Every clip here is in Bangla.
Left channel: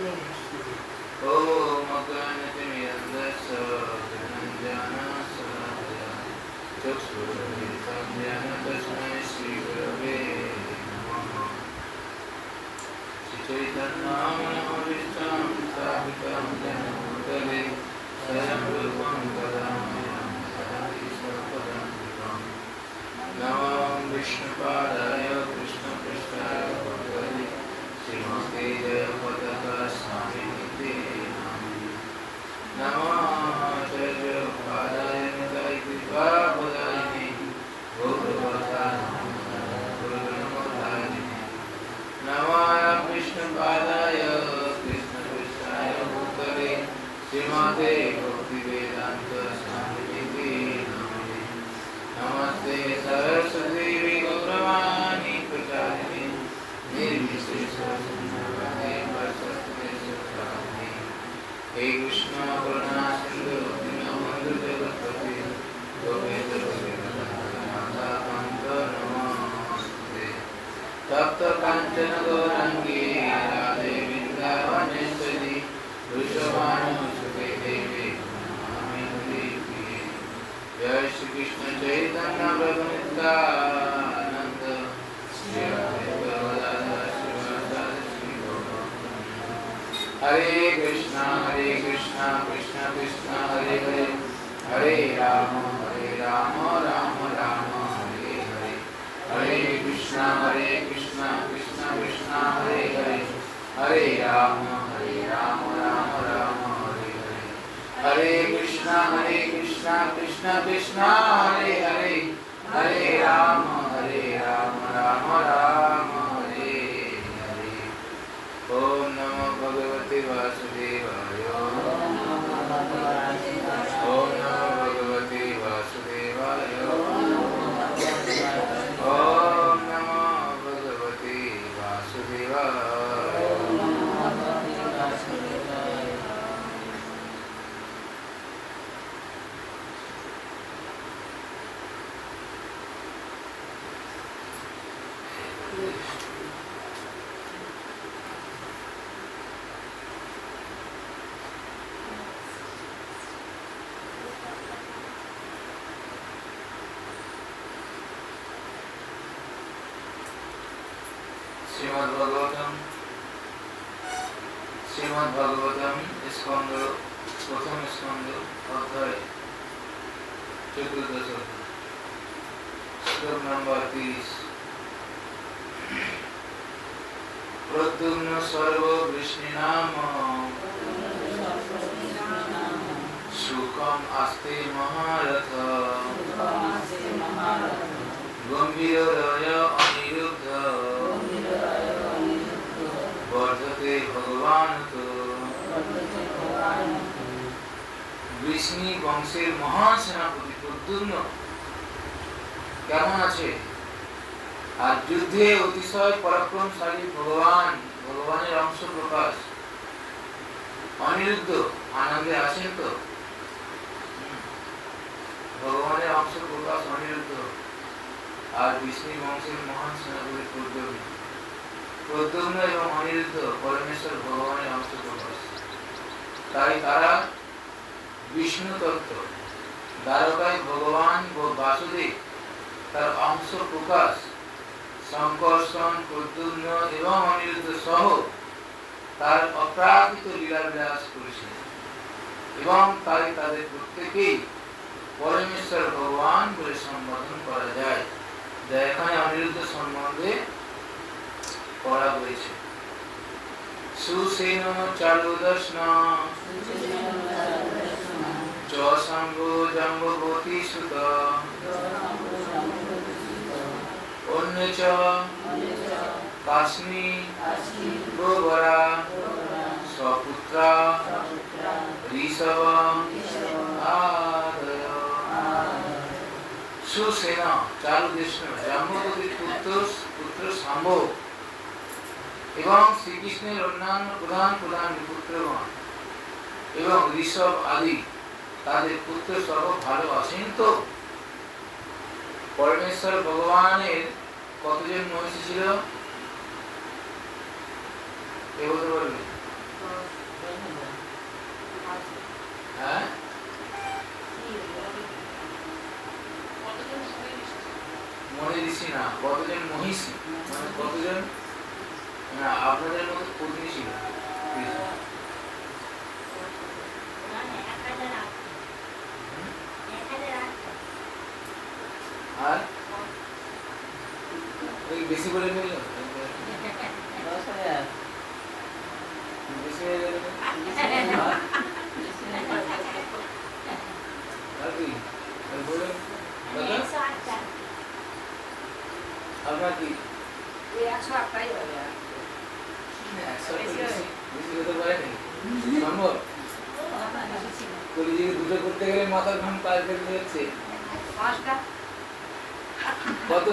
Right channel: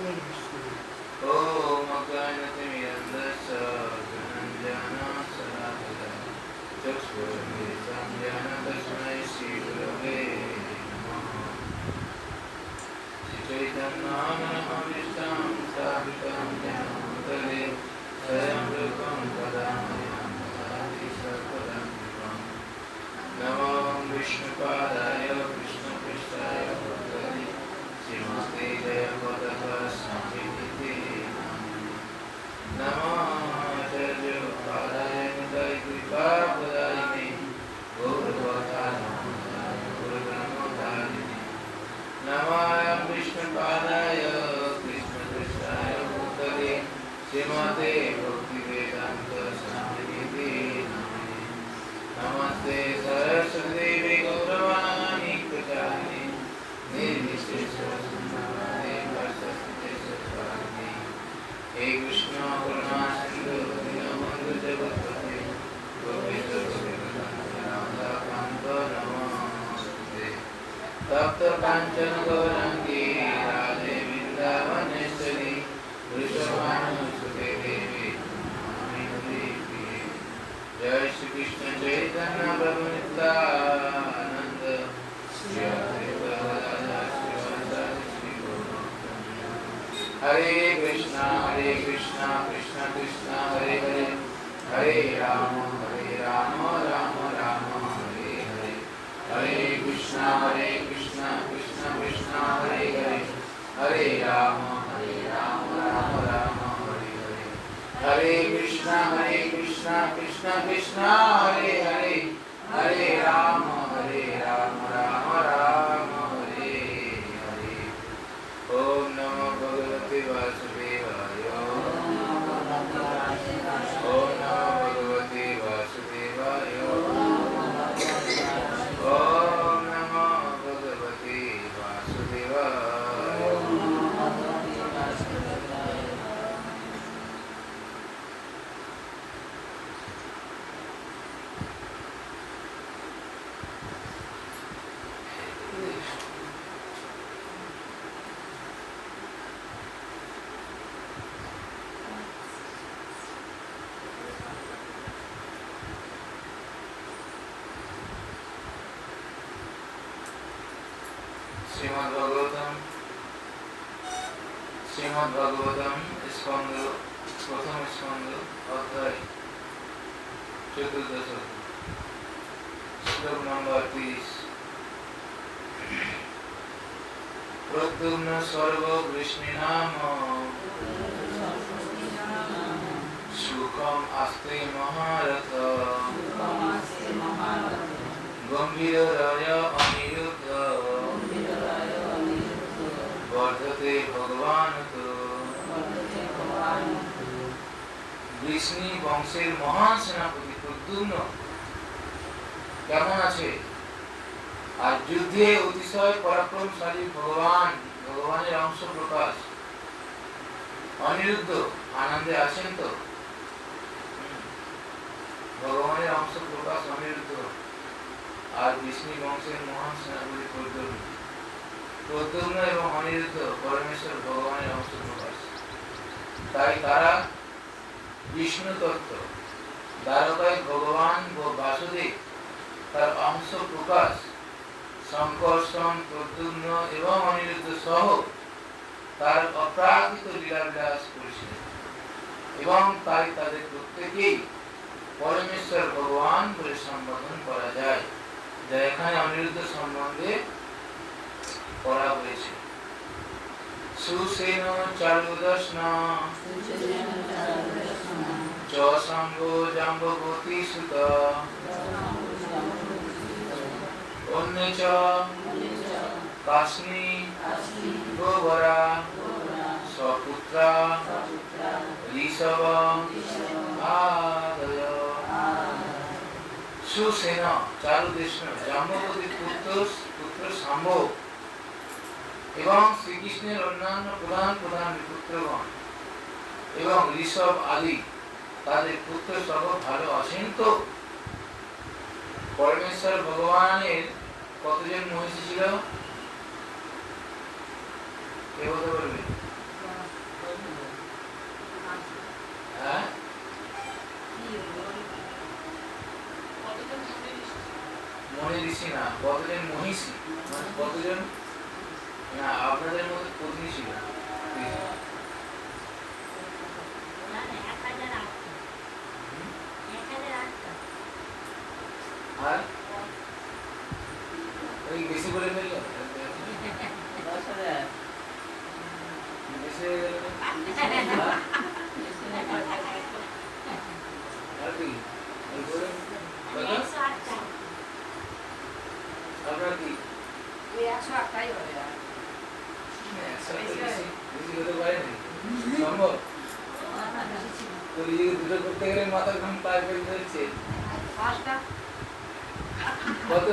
ओम अज्ञानतिमिरन्धस्य ज्ञानाञ्जनशलाकया चक्षुरुन्मिलितं येन तस्मै श्रीगुरवे नमः। श्रीचैतन्यनामनिष्टं स्थापितं येन भूतले स्वयं रूपं वदामि ददाति स्वपदं कृपम्। नमो विष्णुपादाय कृष्णपृष्ठाय भूतले श्रीमते जयपतः स्वामिनिते नामिने। नमो आचार्यपादाय निताय गौरवतारिणे नमो विष्णुपादाय कृष्णपृष्ठाय भूतले श्रीमते भक्तिवेदान्त स्वामिनिते नामिने। नमस्ते सरस्वती गौरवाणी प्रचारिणे निर्विशेषशून्यवादे वर्षस्पतिशताब्दे। हे कृष्ण करुणा सिंधु दीनबन्धु जगत्पते गोपेश गोपिकान्त नमोऽस्तुते। तप्त काञ्चन गौराङ्गी राधे वृन्दावनेश्वरी वृषभानुसुते देवी नमामि हरिप्रिये। जय श्री कृष्ण चैतन्य प्रभु नित्यानंद श्री अद्वैत गदाधर श्रीवासादि श्री गौरभक्तवृंद। हरे कृष्णा कृष्ण कृष्ण हरे हरे हरे राम राम राम हरे हरे। हरे कृष्णा कृष्ण कृष्ण हरे हरे हरे राम राम राम हरे हरे। हरे कृष्णा कृष्ण कृष्ण हरे हरे हरे राम राम हरे हरे। ओम नमो भगवते वासुदेवाय। ओम नमो भगवते वासुदेवाय। ओम नमो भगवते वासुदेवाय। श्रीमद्भागवतम स्कंद प्रथम स्कंद अध्याय 14 श्लोक नंबर 30। प्रद्युम्न सर्व वृष्णिनाम सुखम आस्ते महारथ गंभीरय अनिरुद्ध वर्धते भगवान तो। वृष्णि वंशेर महान सेनापति प्रद्युम्न केमन आछे? আর যুদ্ধে অতিশয় পরাক্রমশালী ভগবানের অংশ প্রকাশ অনিরুদ্ধ আনন্দে আছেন তো? ভগবানের অংশ প্রকাশ অনিরুদ্ধ আর বিষ্ণু বংশের মহান সেনাপতি প্রদ্যুম্ন এবং অনিরুদ্ধ পরমেশ্বর ভগবানের অংশ প্রকাশ। তাই তারা বিষ্ণু তত্ত্ব দ্বারকায় ভগবান ও বাসুদেব তার অংশ প্রকাশ সংকর্ষণ প্রদ্যুম্ন এবং অনিরুদ্ধ সহ তার অপ্রাকৃত লীলাবিলাস করেছিলেন এবং তাই তাদের প্রত্যেকেই পরমেশ্বর ভগবান বলে সম্বোধন করা যায়, যা এখানে অনিরুদ্ধ সম্বন্ধে পড়া হয়েছে। সুসেন চারুদর্শন চ শম্ভ জাম্ববতী সুত অন্যচ কাশ্মী গোবরা স্বপুত্রা ঋষভ আদয়। সুসেনা চারুদেশন জাম্ববতীর পুত্র শাম্ভ এবং শ্রীকৃষ্ণের অন্যান্য প্রধান পুত্রগণ এবং ঋষভ আদি তাদের পুত্র সহ ভালো আছেন তো? পরমেশ্বর ভগবানের কতজন মহিষী ছিল? কে বলতে পারবে? মনীষী না, কতজন মহিষী, মানে কতজন আপনাদের মতো পত্নী ছিল। আর ওই বেশি করে ফেললো, বেশি হয়ে গেল। আর কি বলুন আপনার কি 108টাই হয়ে যায়। 100 বেশি হতে পারে না সম্ভব। কলিযুগে দুটো করতে গেলে মাথার ঘাম পার করে যাচ্ছে। 5টা কত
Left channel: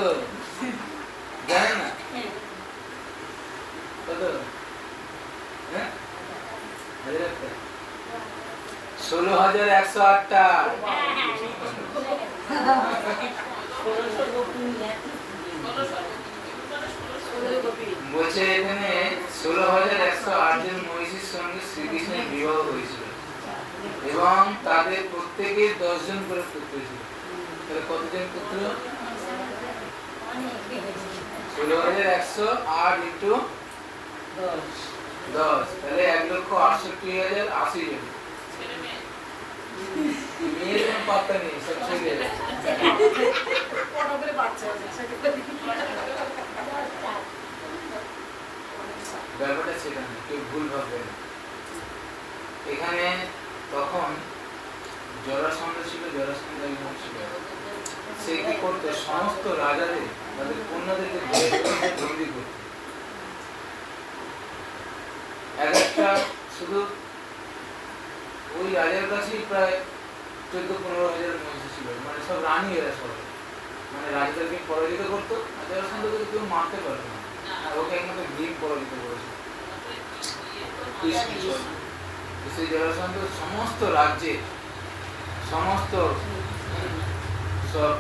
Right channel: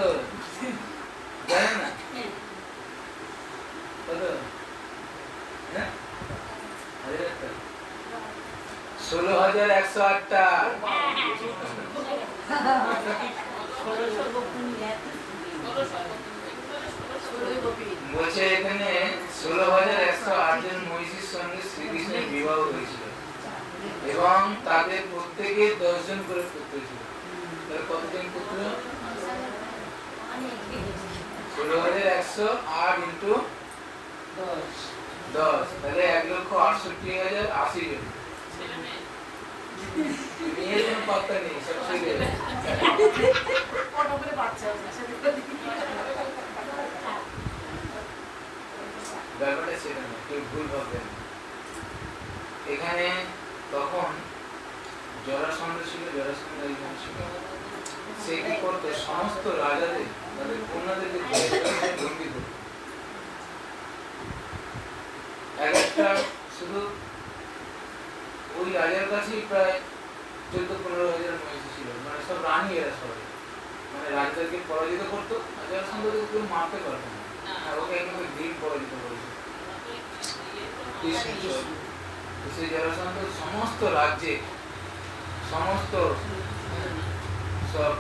জানেন না? কত? হ্যাঁ 16,108টা। বলছে এখানে 16,108 জন মহিষীর সঙ্গে শ্রীকৃষ্ণের বিবাহ হয়েছিল এবং তাদের প্রত্যেকের 10 জন করে পুত্র ছিল। তাহলে কতজন পুত্র? 16,108 ইন্টু 10, তাহলে 1,68,080 জন। মেয়ের কোনো পাত্তা নেই, সব ছেলে। ব্যাপারটা সেটা না, কেউ ভুল ভাববে না। এখানে তখন জরাসন্ধ ছিল, জরাসন্ধ একজন ছিল। সে কি করতো? সমস্ত রাজাদের তাদের কন্যাদেরকে বন্দি করত। একটা শুধু ওই রাজার কাছেই প্রায় 14-15,000 মহিষী ছিল, মানে সব রানী এরা সবাই, মানে রাজাদেরকে পরাজিত করতো। জরাসন্ধকে কেউ মারতে পারতো না, আর ওকে একমাত্র ভীম পরাজিত করেছিল। সেই জরাসন্ধ সমস্ত রাজ্যে সমস্ত সব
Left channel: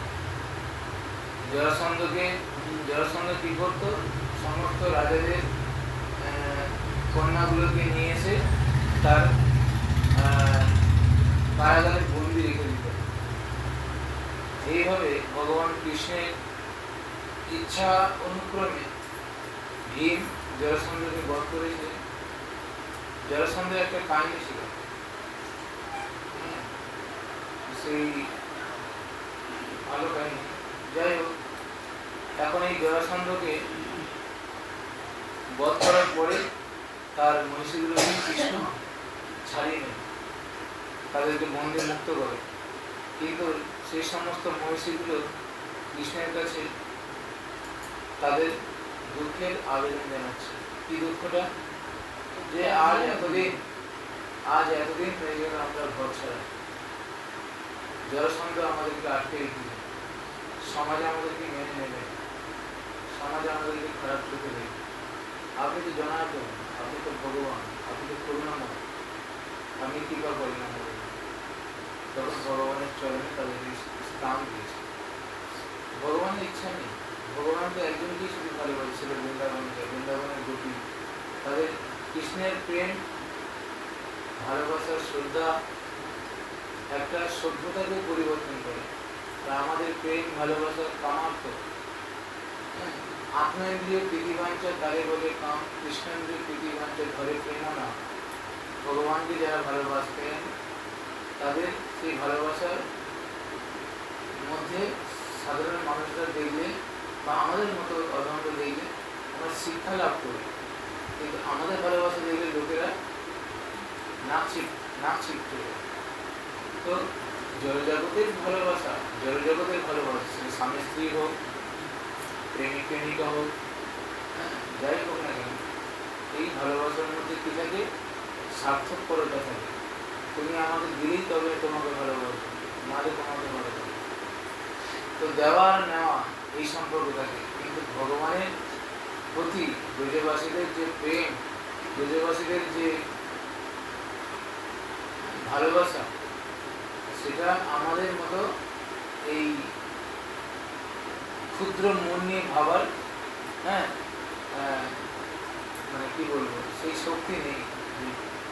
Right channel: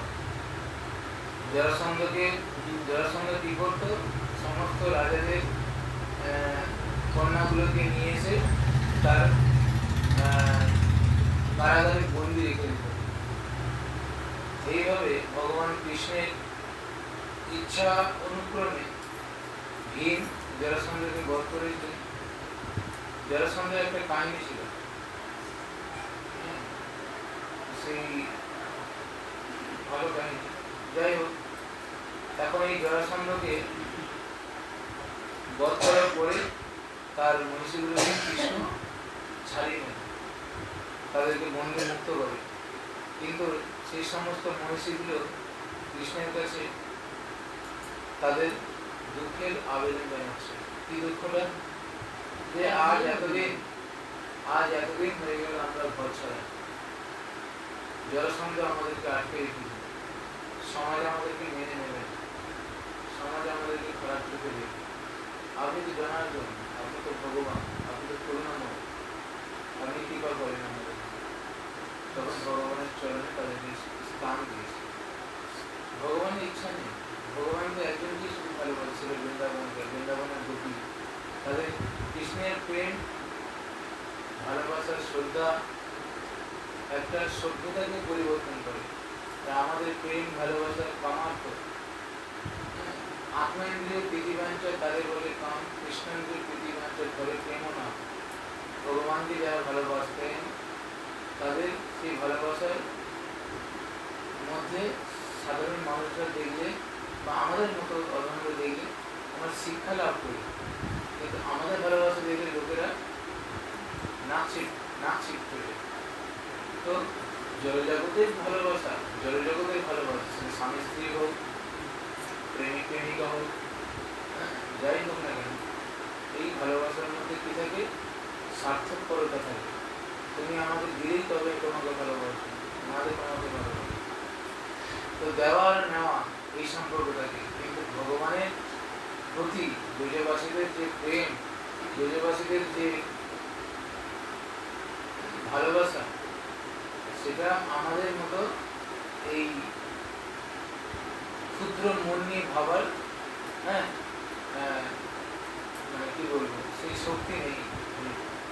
জরাসন্ধ কি করতো? সমস্ত রাজাদের কন্যাগুলোকে নিয়ে এসে তার কারাগারে বন্দি রেখে দিত। এইভাবে ভগবান কৃষ্ণের ইচ্ছা অনুক্রমে ভীম জরাসন্ধকে বধ করেছে। জরাসন্ধের একটা কাহিনী ছিল, সেই ভালো কাহিনী। যাই হোক, এখন এই জরাসন্ধকে বধ করার পরে তার মহিষীগুলোকে কৃষ্ণ ছাড়িয়ে নেন, তাদেরকে বন্দী মুক্ত করে। কিন্তু সেই সমস্ত মহিষীগুলো কৃষ্ণের কাছে তাদের দুঃখের আবেদন জানাচ্ছে। কি দুঃখটা? যে আজ এতদিন হয়ে গেল আমরা ঘর ছাড়া, জরাসন্ধ আমাদেরকে আটকে রেখেছে, সমাজ আমাদেরকে মেনে নেবে, সমাজ আমাদেরকে খারাপ চোখে দেখবে। আপনি তো জনার্দন, আপনি তো ভগবান, আপনি তো করুণাময়, আমি কৃপা করেন আমাদের। তখন ভগবানের চরণে তাদেরকে স্থান দিয়েছে। ভগবানের ইচ্ছা নেই, ভগবান তো একজনকেই শুধু ভালোবাসছিল, বৃন্দাবনের গোপী। তাদের কৃষ্ণের প্রেম, ভালোবাসার শ্রদ্ধা একটা সভ্যতাকে পরিবর্তন করে। তা আমাদের প্রেম ভালোবাসার কামার্থ আত্মেন্দ্রিয় প্রীতিবাঞ্ছা তারে বলে কাম, কৃষ্ণেন্দ্রিয় প্রীতিবাঞ্ছা ঘরে প্রেম না। ভগবানকে যারা ভালোবাসতেন তাদের সেই ভালোবাসার মধ্যে সাধারণ মানুষরা দেখলে বা আমাদের মতো অধমরা দেখলে আমরা শিক্ষা লাভ করি, কিন্তু আমাদের ভালোবাসা দেখলে লোকেরা নাক ছিটতে। তো জড়জগতের ভালোবাসা, সেটা স্বামী স্ত্রী হোক, প্রেমিক প্রেমিকা হোক, যাই হোক না কেন, এই ভালোবাসার মধ্যে কি থাকে? স্বার্থপরতা থাকে। তুমি আমাকে দিলেই তবে তোমাকে ভালোবাসো, নাহলে তোমাকে ভালোবাসো। তো দেওয়া আর নেওয়া এই সম্পর্ক থাকে। কিন্তু ভগবানের প্রতি ব্রজবাসীদের যে প্রেম, ব্রজবাসীদের যে ভালোবাসা, সেটা আমাদের মতো এই ক্ষুদ্র মন নিয়ে ভাবার মানে কি বলবো, সেই শক্তি নেই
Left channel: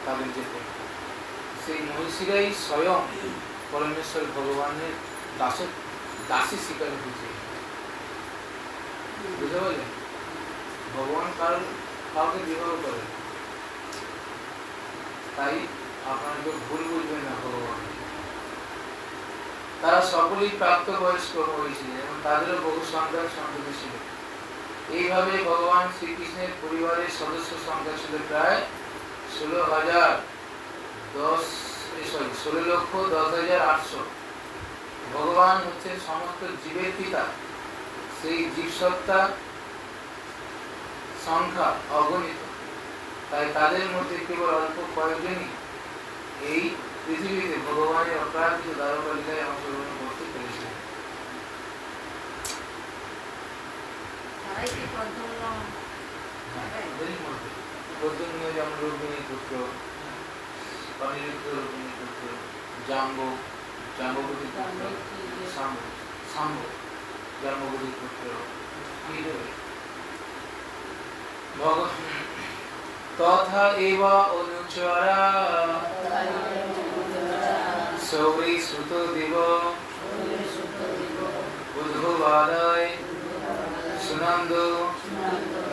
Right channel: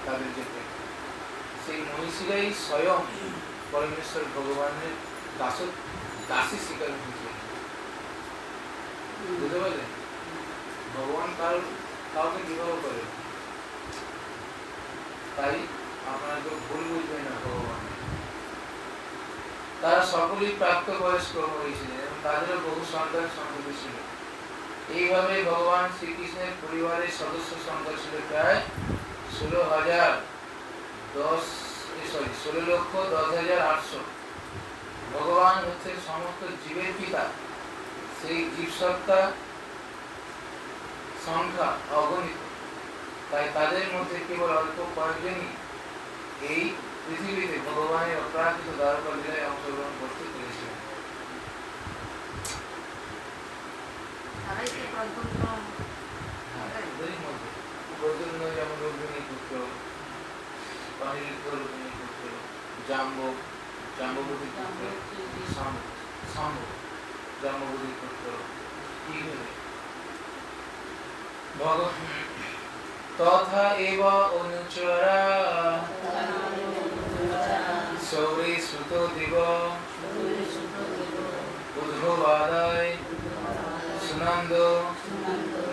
তাদের যে প্রেম। সেই মহিষীরাই স্বয়ং পরমেশ্বর ভগবানের দাসী স্বীকার হয়েছে। বুঝতে পারলেন? ভগবান কাউকে বিবাহ করে, তাই আপনাকে ভুল বুঝবেন না ভগবান। তারা সকলেই প্রাপ্তবয়স্ক হয়েছিলেন এবং তাদেরও বহু সন্তান সন্ততি ছিল। এইভাবে ভগবান শ্রীকৃষ্ণের পরিবারের সদস্য সংখ্যা ছিল প্রায় 16,10,800। ভগবান হচ্ছে সমস্ত জীবের পিতা। সেই জীবসত্তা সংখ্যা অগণিত, তাই তাদের মধ্যে কেবল অল্প কয়েকজনই এই পৃথিবীতে ভগবানের অপ্রাকৃত দ্বারকা লীলায় অংশগ্রহণ করতে পেরেছিলেন। তারাই কি পদ্মগ্রহণ? প্রদ্যুম্ন যেমন রোহিণী পুত্র, অনিরুদ্ধ রোহিণী পুত্র, জাম্ববতীর পুত্র, শাম্ব জাম্ববতীর পুত্র, এইভাবে তথা এব অনুচরা সৌরী সুত দেব উদ্ভবাদায় সুনন্দ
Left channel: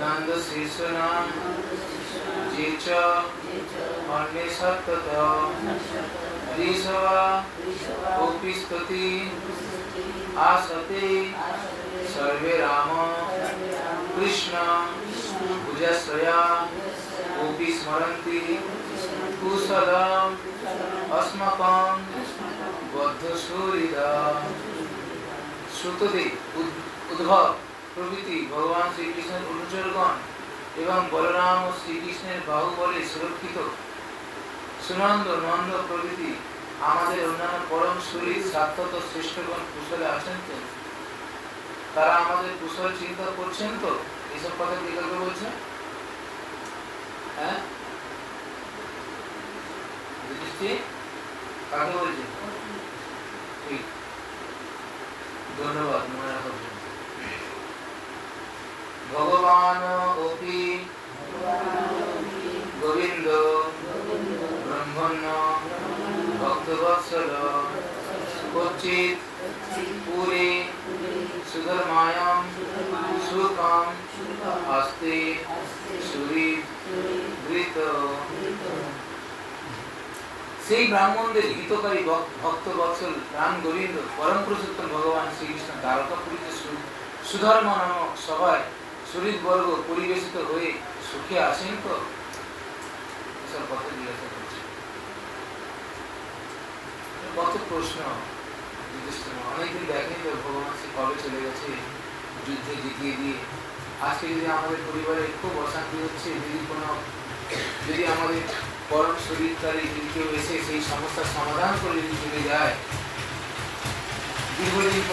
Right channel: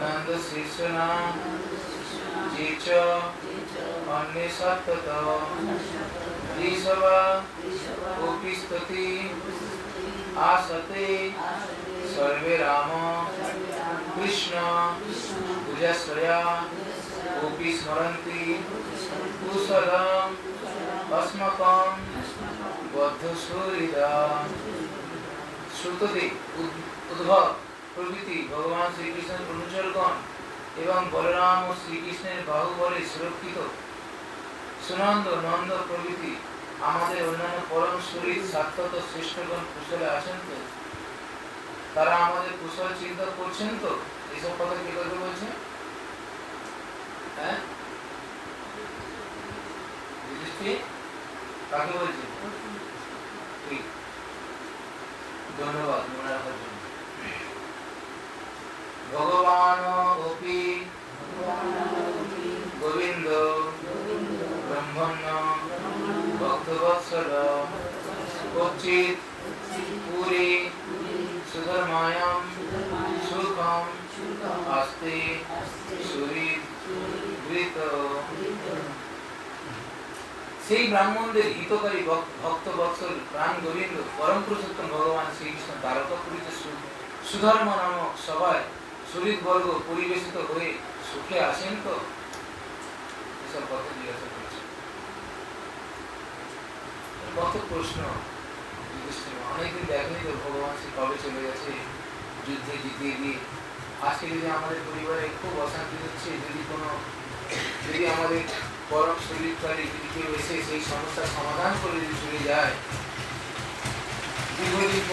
নন্দ শীর্ষনা যে চ অন্যে সত্যত ঋষভা গোপীস্তুতি আসতে সর্বে রাম কৃষ্ণ ভুজশ্রয়া গোপী স্মরন্তি কুশলম अस्मकं बद्धसूरिदा। श्रुतदेव उद्धव प्रभृति भगवान श्रीकृष्णের অনুচরগণ এবং বলরাম ও শ্রীকৃষ্ণের বাহুবলে সুরক্ষিত সুনন্দ নন্দ প্রভৃতি আমাদের অন্যান্য পরম শরীর সাক্ষাৎ শ্রেষ্ঠগণ কুশলে আছেন তো? তারা আমাদের কুশল চিন্তা করছেন তো? এইসব কথা কে কাকে বলছে? হ্যাঁ, যুধিষ্ঠির কাকে বলছে? ঠিক, ধন্যবাদ মনে রাখার জন্য। ভগবান অপি গোবিন্দ ব্রহ্মণ্য ভক্তবৎসল কচ্চিৎ পুরী সুধর্মায়াম সুখম আস্তে সুহৃদ। সেই ব্রাহ্মণদের হিতকারী ভক্ত বৎসল প্রাণ গোবিন্দ পরম পুরুষোত্তম ভগবান শ্রীকৃষ্ণ দ্বারকাপুরীতে সুধর্ম নামক সভায় সুহৃদ বর্গ পরিবেশিত হয়ে সুখে আসেন তো? এসব কথা জিজ্ঞাসা করছে। কত প্রশ্ন যুধিষ্ঠির, অনেকদিন দেখেনি তো ভগবান শ্রী কবে চলে গেছে যুদ্ধে জিতিয়ে দিয়ে। আজকে যদি আমাদের পরিবারে খুব অশান্তি হচ্ছে, যদি আমাদের পরম শরীরকারী যদি কেউ এসে সেই সমস্যার সমাধান করে যদি চলে যায়, দীর্ঘদিন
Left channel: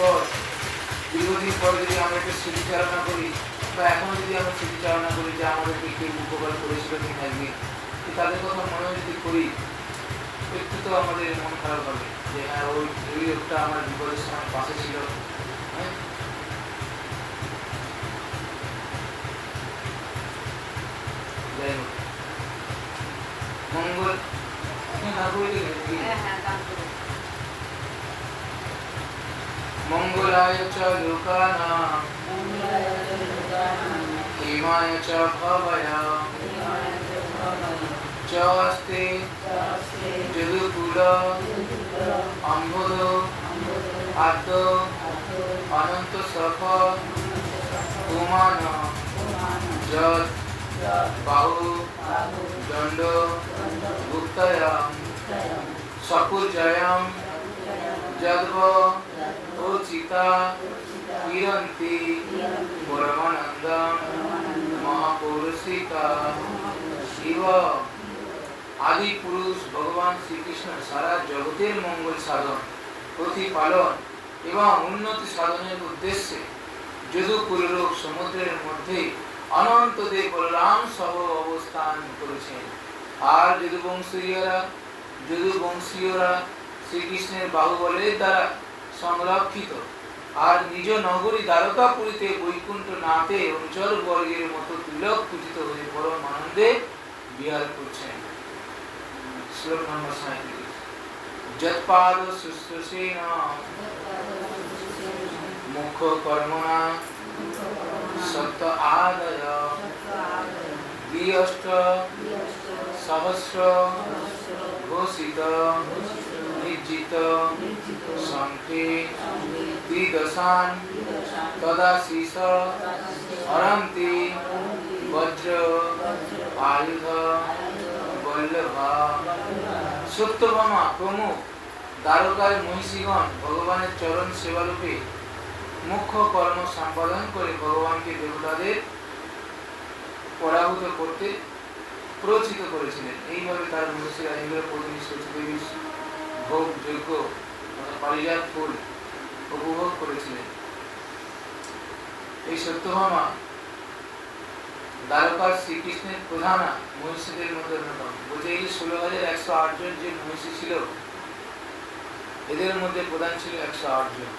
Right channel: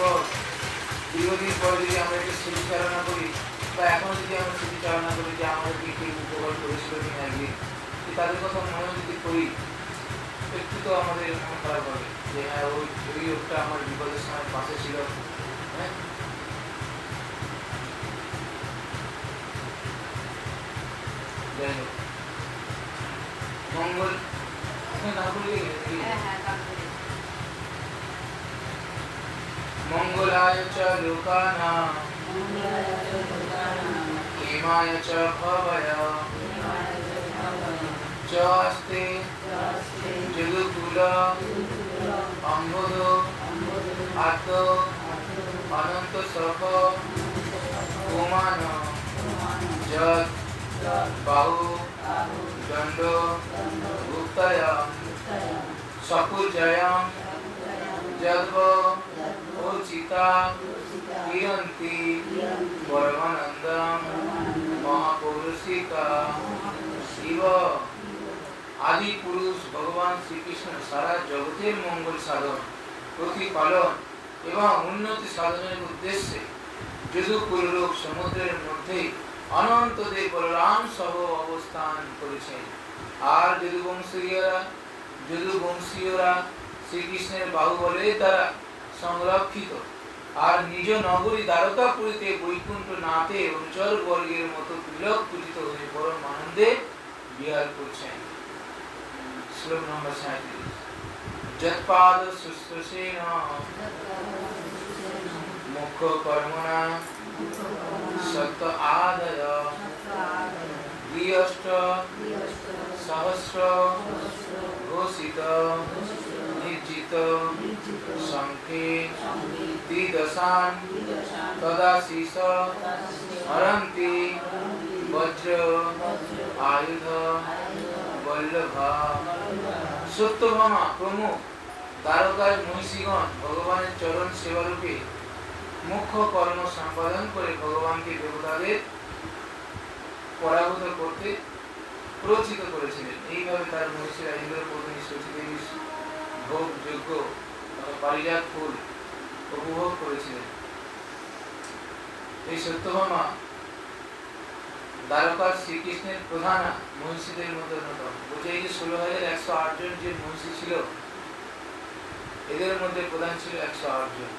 পর যদি আমরা একটু স্মৃতিচারণা করি বা এখনো যদি আমরা স্মৃতিচারণা করি যে আমাদেরকে কেউ উপকার করেছিল কিনা একদিন, তাদের কথা মনে যদি করি একটু তো আমাদের মন খারাপ হবে যে হ্যাঁ ওই লোকটা আমার বিপদের সময় পাশে ছিল। হ্যাঁ, যাই হোক, মঙ্গল মঙ্গলায় চ লোকানাং হেমায় চ ভবায় চ আস্তে যদুকুল অম্বদ আদ্য অনন্ত সখ পুমান যৎ বাহু দণ্ড গুপ্তয়াম সকুজয়াম যদ্ব উচিতা কিরন্তি পরমানন্দম মহাপৌরুষিকা ইব। আদি পুরুষ ভগবান শ্রীকৃষ্ণ সারা জগতের মঙ্গল সাধন, প্রতিপালন এবং উন্নতি সাধনের উদ্দেশ্যে যদুকুললোক সমুদ্রের মধ্যে অনন্ত দেব বলরাম সহ অবস্থান করেছেন। আর যদুবংশীয়রা শ্রীকৃষ্ণের বাহুবলের দ্বারা সংরক্ষিত আর নিজ নগরী দ্বারকাপুরীতে বৈকুণ্ঠ নাথে অনুচর বর্গের মতো তিলক পূজিত হয়ে পরম আনন্দে বিহার করছেন। শ্লোক নম্বর 37। যৎপাদ শুশ্রূষেণ মুখ মুখ্য কর্মণা সত্য আদয় দ্বিঅষ্ট সহস্র ঘোষিত নির্জিত সংখ্যে দ্বিদশান তদাশীষ হরন্তি বজ্র আয়ুধ বল্লভা। সত্যভামা প্রমুখ দ্বারকায় মহিষীগণ ভগবানের চরণ সেবারূপে মুখ্য কর্ম সম্পাদন করে ভগবানকে দেবতাদের পরাভূত করতে প্ররোচিত করেছিলেন। এইভাবে তার মহিষীরা ইন্দ্রপত্নী সতীদেবীর ভোগ যজ্ঞ পারিজাত ফুল উপভোগ করেছিলেন। এই সত্যভামা দ্বারকার শ্রীকৃষ্ণের প্রধান মহিষীদের মধ্যে অন্যতম। বলছে এই 16,108 জন যে মহিষী ছিল, এদের মধ্যে প্রধান ছিল 108 জন।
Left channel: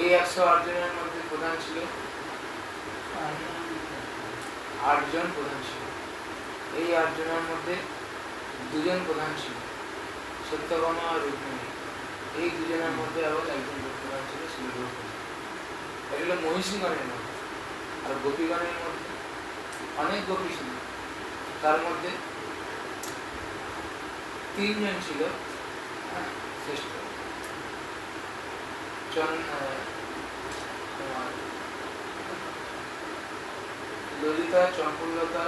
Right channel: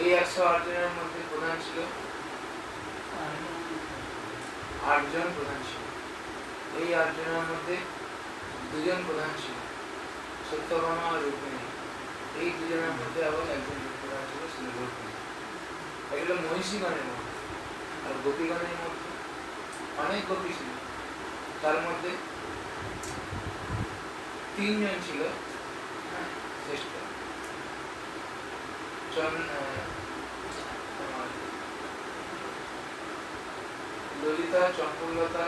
এই 108 জনের মধ্যে প্রধান ছিল 8 জন প্রধান ছিল। এই 8 জনের মধ্যে 2 জন প্রধান ছিল, সত্যভামা আর রুক্মিণী। এই 2 জনের মধ্যে আবার একজন প্রধান ছিল, শ্রীরূক্মিণী। এগুলো মহিষীগণের মধ্যে। আর গোপীগণের মধ্যে অনেক গোপী ছিল, তার মধ্যে 3 জন ছিল শ্রেষ্ঠ। ললিতা, চম্পকলতা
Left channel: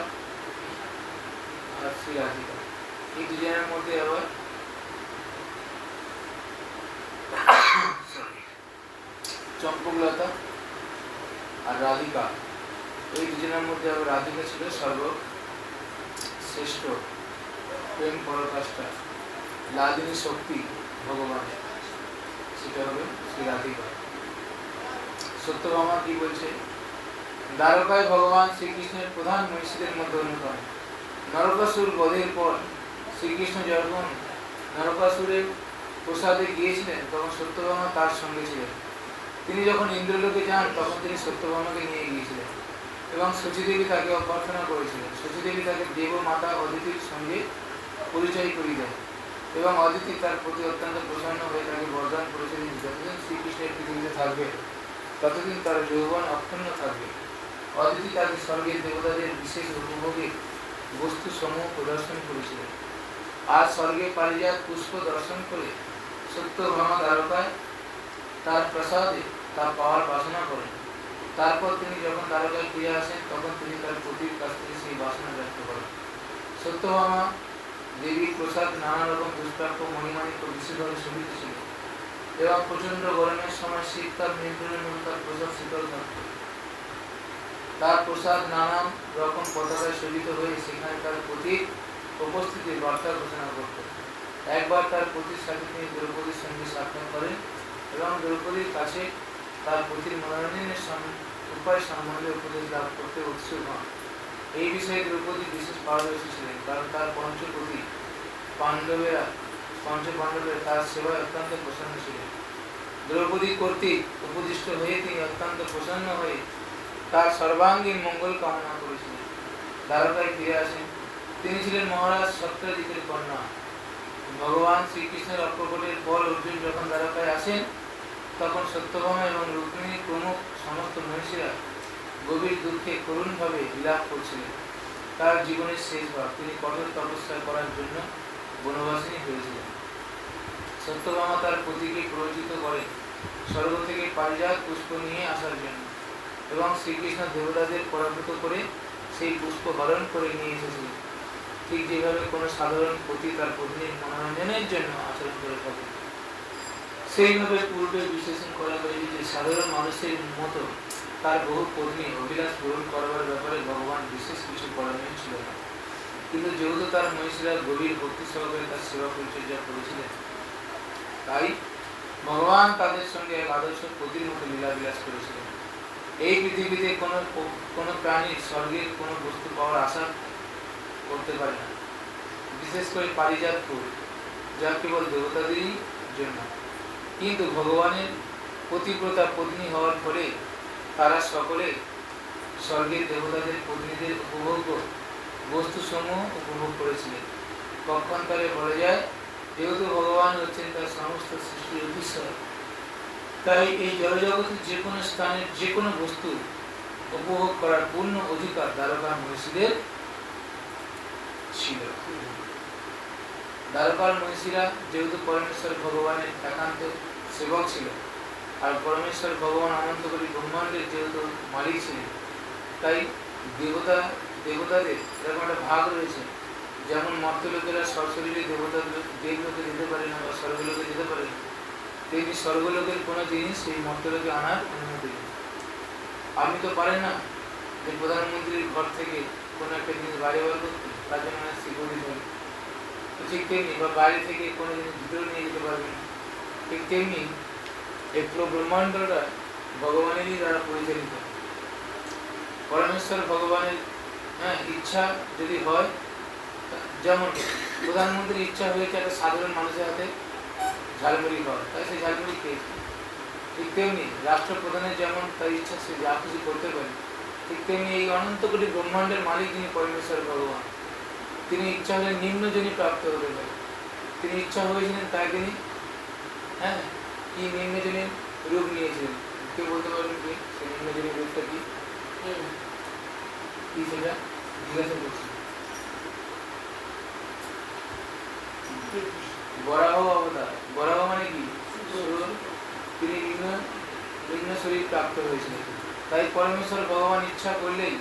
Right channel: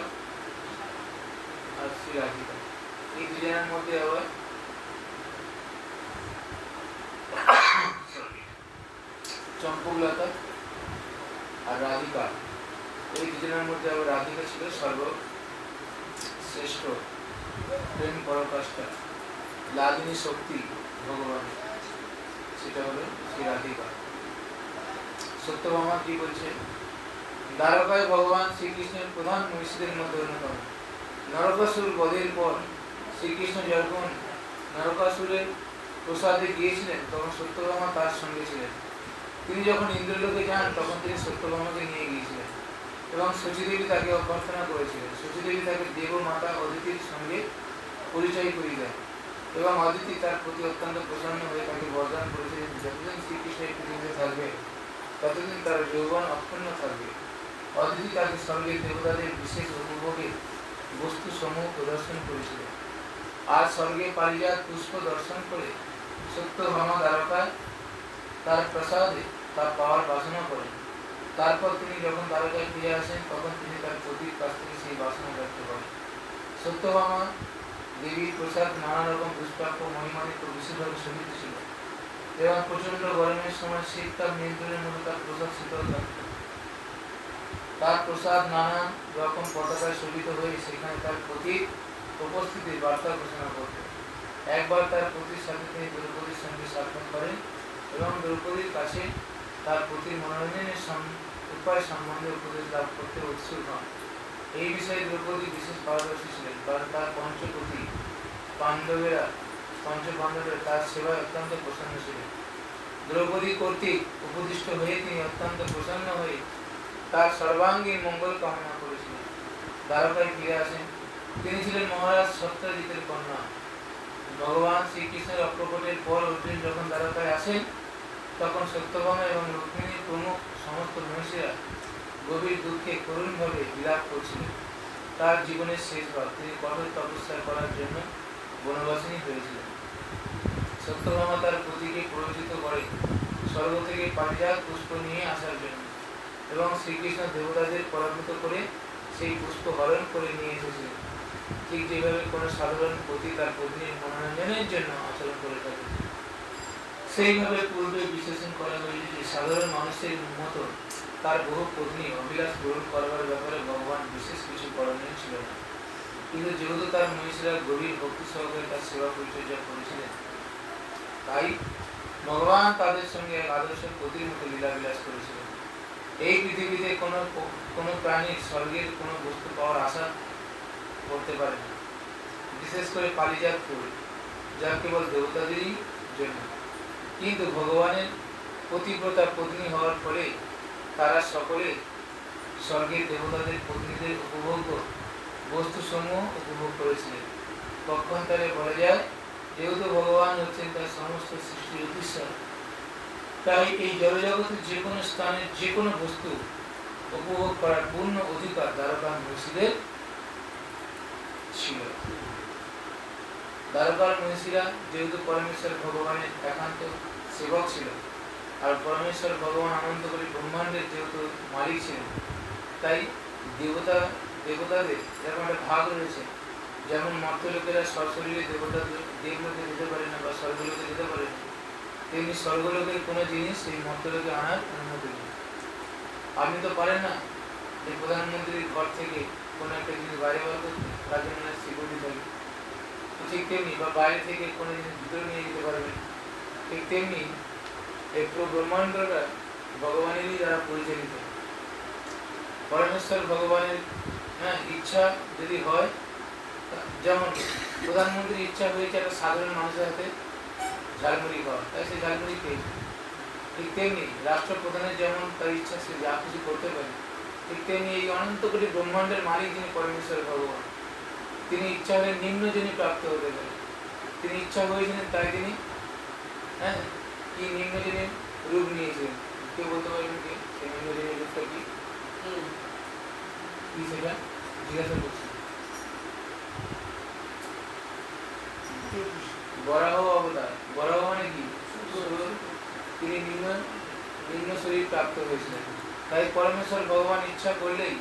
আর শ্রী রাধিকা। এই 2 জনের মধ্যে আবার চম্পকলতা আর রাধিকা, এই 2 জনের মধ্যে আবার রাধিকা ছিল সর্বশ্রেষ্ঠ প্রেম পরাকাষ্ঠা, লাদিনী শক্তি ভগবানের, সেটা হবে শ্রী রাধিকা। সত্যভামা কি বলছে? দ্বারকায় ভগবান শ্রীকৃষ্ণের প্রধান মহিষীদের মধ্যে অন্যতম। নরকাসুর বধের পর শ্রীকৃষ্ণ যখন নরকাসুরের প্রসাদে গিয়েছিলেন, তখন সত্যভামা তার সঙ্গে ছিলেন। তিনি যখন ইন্দ্রলোকে যান, তখন তিনি সত্যভামাকে নিয়ে গিয়েছিলেন এবং শচীদেবী তাকে অভ্যর্থনা করেছিলেন। শচীদেবী তাকে দেবমাতা অদিতির সঙ্গে পরিচয় করিয়ে দেন এবং অদিতি তার প্রতি অত্যন্ত প্রসন্ন হয়ে তাকে বরদান করেছিলেন, যতদিন শ্রীকৃষ্ণের পৃথিবীতে থাকবে ততদিন তার যৌবন অক্ষুণ্ণ থাকবে। অদিতি তাকে স্বর্গের দেবতাদের বিশেষ উপভোগের বস্তু সমূহ প্রদর্শন করেছিলেন। আর স্বর্গে পারিজাত পুষ্প দর্শন করে সত্যভামা দ্বারকায় তার প্রসাদে তা পাওয়ার বাসনা করেন। তারপর তিনি যখন দ্বারকায় ফিরে আসেন, তখন তিনি তার পতির কাছ থেকে সেই বাসনা ব্যক্ত করেন। সত্যভামা দেবীর প্রসাদ নানা রকম দুষ্প্রাপ্য মহিমানিত বিশেষভাবে শোভিত ছিল এবং প্রচন্ড গরমের সময় শীতকাল নিয়ন্ত্রণের মতো তার প্রসাদ শীতল থাকত। তার প্রসাদ নানা রকম পতাকায় সজ্জিত হয়ে সেখানে তার পতির উপস্থিতির বার্তা ঘোষণা করত। একবার তার পতির সাথে তিনি দ্রৌপদীর সঙ্গে সাক্ষাৎ করেন এবং দ্রৌপদীর কাছে তার পতির মনোরঞ্জনের উপায় সম্বন্ধে উপদেশ লাভ করতে উৎসুক হন। এই বিষয়ে দ্রৌপদী বিশেষ পারদর্শী ছিলেন, কারণ তার পঞ্চপতি পাণ্ডবেরা তার সেবায় অত্যন্ত প্রসন্ন ছিলেন। দ্রৌপদী কর্তৃক উপদিষ্ট হয়ে তিনি অত্যন্ত প্রসন্ন হয়ে তার সর্বাঙ্গীন মঙ্গল কামনা করেছিলেন। দ্বারকায় ফিরে আসেন। তিনি ছিলেন মহারাজ সত্যজিতের কন্যা। ভগবান শ্রীকৃষ্ণের অপ্রকটের পর অর্জুন যখন দ্বারকায় আসেন, তখন সত্যভামা এবং রুক্মিণীর প্রমুখ সমস্ত মহিষীরা গভীর দুঃখে করুণভাবে বিলাপ করছিলেন। তার জীবনের শেষবার তিনি কঠোর তপস্যা করার জন্য বনবাসিনী হয়েছিলেন। সত্যভামা তার পতিকে প্ররোচিত করেন স্বর্গ থেকে পারিজাত পুষ্প নিয়ে আসার জন্য এবং শ্রীকৃষ্ণ দেবতাদের পরাভূত করে সেই পুষ্প হরণ করে নিয়ে এসেছিলেন। ঠিক যেভাবে কোনো সাধারণ পতি তার পত্নীর মনোরঞ্জনের জন্য আচরণ করে থাকে, সেইভাবে পূর্বে বিশ্লেষণ করা হয়েছে যে সাধারণ মানুষের মতো তার বহু পত্নী অভিলাষ পূরণ করবার ব্যাপারে ভগবান বিশেষ কিছু করণীয় ছিল না। কিন্তু যেহেতু তার মহিষীরা গভীর ভক্তি সহকারে তার সেবা পরিচর্যা করেছিলেন, তাই ভগবান তাদের সঙ্গে এক আদর্শ পতির মতো লীলাবিলাস করেছিলেন। এই পৃথিবীতে কোনো প্রাণীর স্বর্গের কোনো বস্তু পাওয়ার আশা করতে পারে না, বিশেষ করে পারিজাত ফুল, যা কেবল দেবতাদেরই জন্য। কিন্তু ভগবানের পতিব্রতা পত্নী হওয়ার ফলে তারা সকলে স্বর্গের দেবতাদের পত্নীদের উপভোগ্য বস্তুসমূহ উপভোগ করেছিলেন। পক্ষান্তরে বলা যায়, যেহেতু ভগবান হচ্ছেন তার সমস্ত সৃষ্টির অধীশ্বর, তাই এই জড়জগতের যে কোনো স্থানের যে কোনো বস্তু উপভোগ করার পূর্ণ অধিকার দ্বারকা মহিষীদের ছিল। দ্বারকার মহিষীরা যেহেতু পরমেশ্বর ভগবানের একান্ত সেবক ছিল, আর পরমেশ্বর ভগবান অনন্তকোটি ব্রহ্মাণ্ডের যেহেতু মালিক ছিলেন, তাই দেবতাদের এরকম একটা ভাগ রয়েছে। যেমন মর্ত্যলোকেরা সশরীরে দেবলোকে যেতে পারে না বা স্বর্গলোকে যেতে পারে না, তেমনি স্বর্গলোকের কোনো জিনিস সেই মর্ত্যলোকে আনার অনুমতি নেই। আপনি তো পারেন না যে প্রধানমন্ত্রীর ঘর থেকে কোনো একটা জিনিস বাইরে বার করতে, তার জন্য সিকিউরিটি থাকে। তো ঠিক তেমনি বা বাইরে থেকে কোনো জিনিস ভিতরে নিয়ে যেতে পারবেন। ঠিক তেমনি এই পুরো ব্রহ্মাণ্ডটা ভগবানেরই দ্বারা পরিচালিত। পরমেশ্বর ভগবানের ইচ্ছা যদি হয়, যেমন প্রধানমন্ত্রীর ইচ্ছা হয়েছে একটা সাধারণ মানুষের হাতে ঝালমুড়ি খাওয়া, তাই সে ঝালমুড়ি খেয়েছে। ঠিক তেমনি রাষ্ট্রপ্রধানের যেমন তার ইচ্ছা সে যা খুশি করতে পারে, ঠিক তেমনি এই অনন্ত কোটি ব্রহ্মাণ্ডের মালিক যিনি পরমেশ্বর ভগবান, তিনি ইচ্ছা হলে নিম্নজনী প্রাপ্ত হতে পারে। তিনি ইচ্ছা হয়েছিলেন তাই তিনি কি নিম্নজনী রূপ নিয়েছিলেন। কেউ বলতে পারবেন কি সেই নিম্নজনী রূপটা কি? কি সেটা জিজ্ঞাসা করছি। বরাহ অবতার। বরাহ মানে কি? তিনি নিম্ন শরীর প্রাপ্ত হয়েছিলেন। তাই পরমেশ্বর ভগবান ইচ্ছা করলেই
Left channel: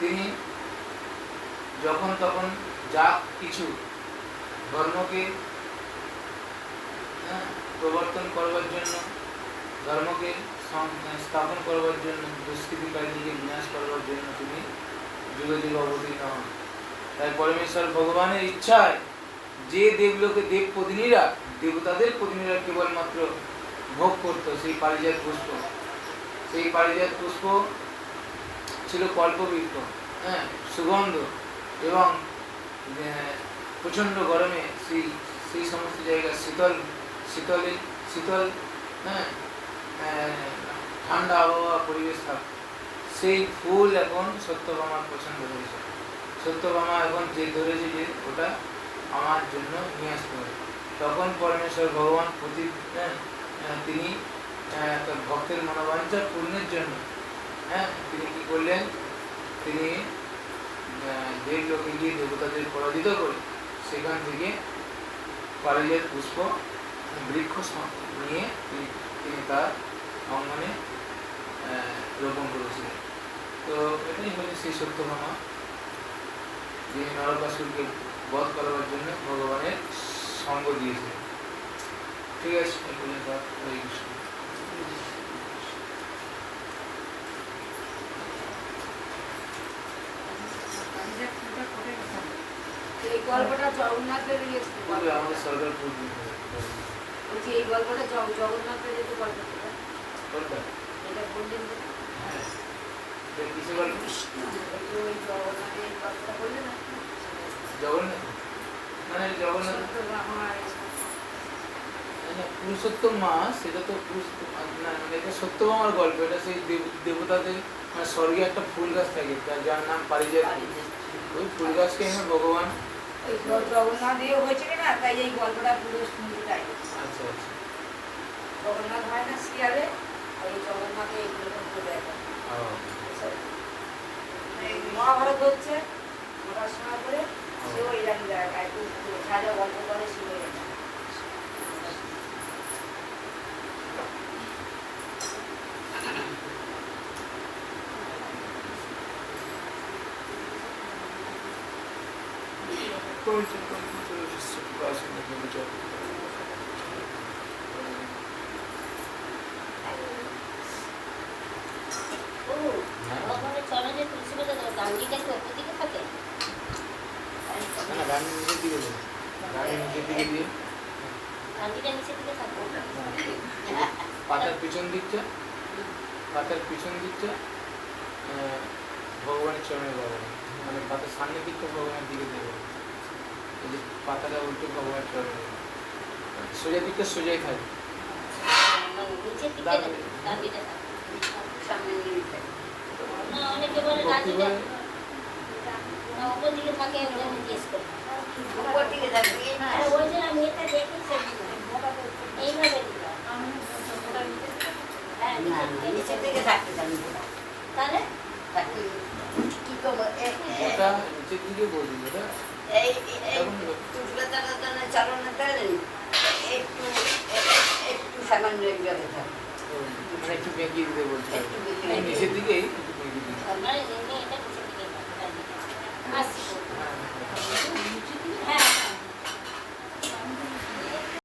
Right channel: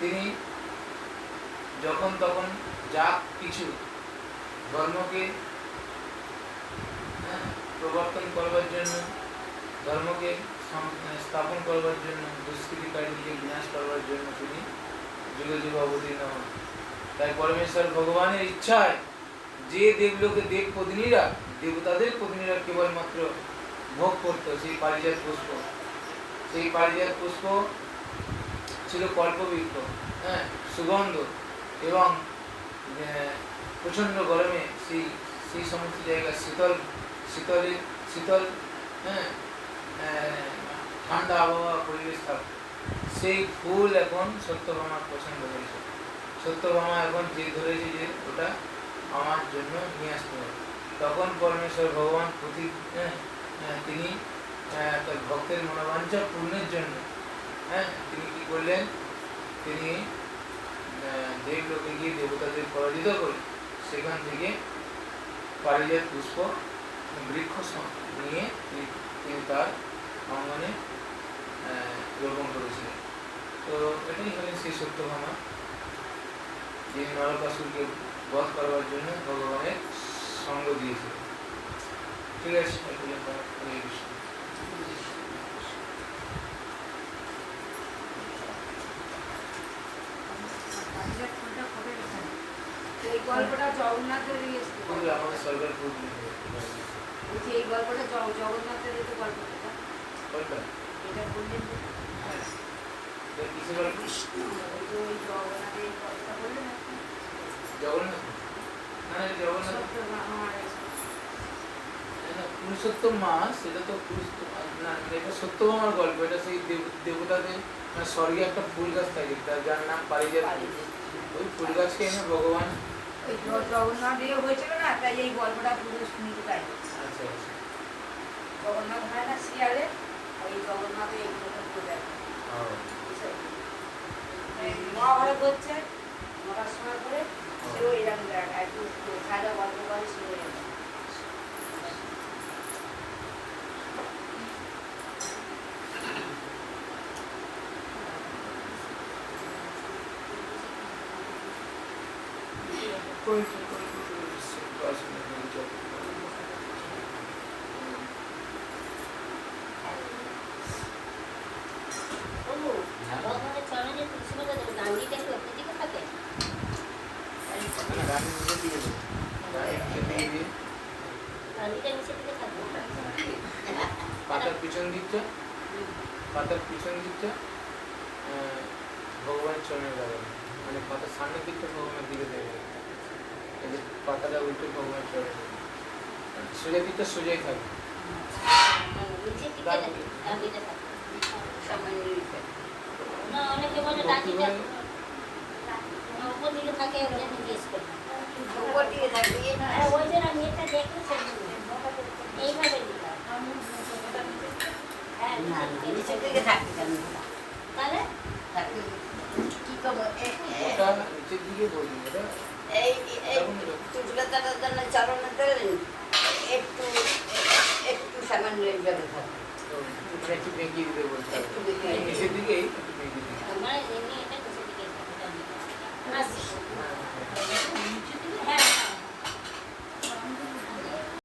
তিনি যখন তখন যা কিছু ধর্মকে প্রবর্তন করবার জন্য, ধর্মকে স্থাপন করবার জন্য, দুষ্কৃতিকারীকে বিনাশ করবার জন্য তিনি যুগে যুগে অবতীর্ণ হন। তাই পরমেশ্বর ভগবানের ইচ্ছায় যে দেবলোকে দেবপত্নীরা, দেবতাদের পত্নীরা কেবলমাত্র ভোগ করত সেই পারিজাত পুষ্প, সেই পারিজাত পুষ্প ছিল কল্পবৃক্ষ, সুগন্ধ, এবং প্রচণ্ড গরমে সেই সমস্ত জায়গা শীতল ঠান্ডা আবহাওয়া পরিবেশ থাকত। সেই ফুল এখন সত্যভামার পছন্দ হয়েছে। সত্যভামা এখন যে ধরেছে যে ওটা আমার জন্য নিয়ে আসতে হবে। তখন পরমেশ্বর ভগবান তিনি ভক্তের মনোবাঞ্ছা পূর্ণের জন্য তিনি কি করলেন, তিনি দেবলোকে গিয়ে দেবতাদের পরাজিত করে সেখান থেকে পারিজাত পুষ্প বৃক্ষ নিয়ে তিনি তার অঙ্গনে রোপণ করেছিলেন। তো এটাই হলেন সেই সত্যভামা, যিনি নরকাসুরকে বধ করবার জন্য ভগবানের সঙ্গ দিয়েছিলেন। ঠিক আছে, এই গল্পটা জগন্নাথের আমাদের সরকার বলছি, এই গল্পটা জগন্নাথের যে গল্পটা এটা বললেন যে কিসে গল্প? ওই জগন্নাথের গল্পটা বললেন না? জগন্নাথ মানে জগন্নাথ পুরুষোত্তম মা, সেটা তো এটা সত্যভামার গল্প। এটা সেই দেবতাদের স্বর্গে একটা ফুল গাছ থাকে যার নাম পারিজাত। ওই ফুল গাছকে এনে ভগবান জগন্নাথ হয়েছিল না, তাই এই গল্পটা পুরো শুনতে পাই। আচ্ছা আচ্ছা, জগন্নাথ হয় না সিরিয়ালে, ওই জগন্নাথে এইগুলো বোঝায়। মহাভারত হচ্ছে পড়াশোনা করে সেও এরকম দেয়, একটু খাজা গল্প করে শিখে গেছে। পাতার পিছন দিকটা ভগবানের চরণে যাবে, মানে পাতার সামনের দিকটা ভগবানের দিকে দেবে, পাতাটা উল্টো ভগবানের চরণে যাবে, সোজা দিকটা সোজাই থাকবে। অনেকে বলে উপর দিকে থাকে, উপর দিকে থাকবে ওই জন্য আমি এটা দেখি এইভাবে না না নিচের দিকে থাকতে চান না। তাহলে থাকতে কি করবো ওটা নিচের দিকে বলি ওটা এই তুলকাতার জন্য চালানো দেন একটু একটু সামান্য এইভাবে থাকে একটু বেঁকিয়ে দিতে বলছে একটু বেঁকিয়ে এই নিচের দিকেই একটু বেঁকিয়ে দিতে আপনারা এমনি এটা